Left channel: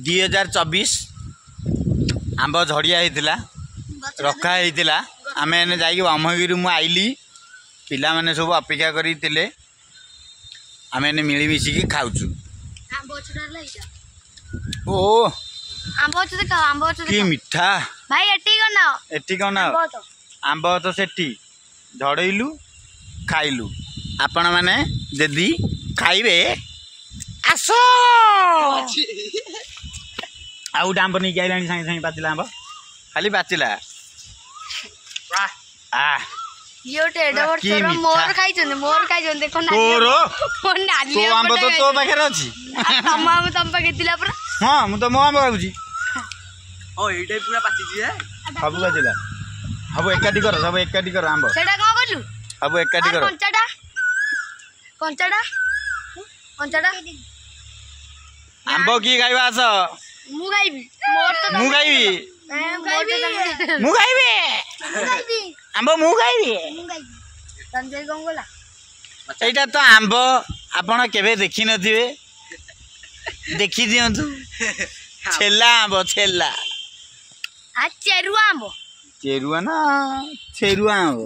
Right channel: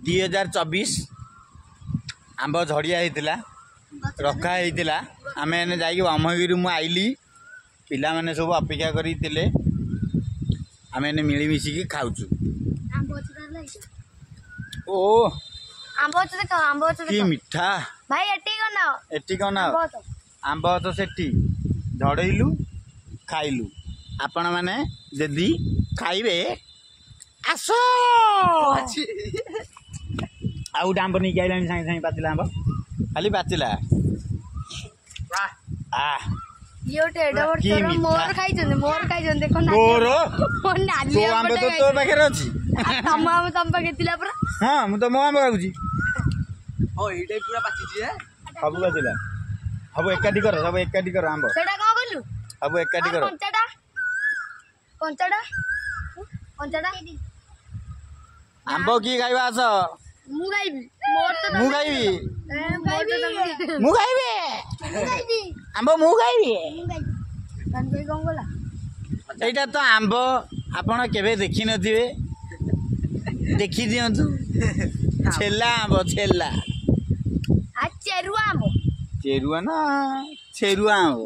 2024 आंब झड़िया होता रखा होता आम एने जाकि ब्रह्मगिरी मु आइली पिला माने सब अपेक्षा करते आम एने मिलमिशिकी खाऊचु ओ कि मिठा भाई एटी कौन आंब तो सेठी झड़ेलु खाइलु आपण माने जदि खाइबे आस आउ आंब नहीं आइलानी सागे सागे पाचिला आंब खाली पाचिला मोर खाई देखो तो आंब तो तो पाखे अच्छी तम पाखे थिला परा हाँ मु तो मो आंब खाऊची ओ एटा पूरा पाचिजी है सब पाचिला सब एकाठी कर आंब सेटा को बोलू सब एकाठी कर कंचाटा आंब की खाइबा आस मु खाइबी मोर तो मु खाइबी आंब मु खाइबी संजय कौन बोला एटा तो आंब आपण केबे देखि नथिबे देखि दियंतु छेला आंब छेला आ चेरुआ आंब चेरुआ ना छेरुआ आंब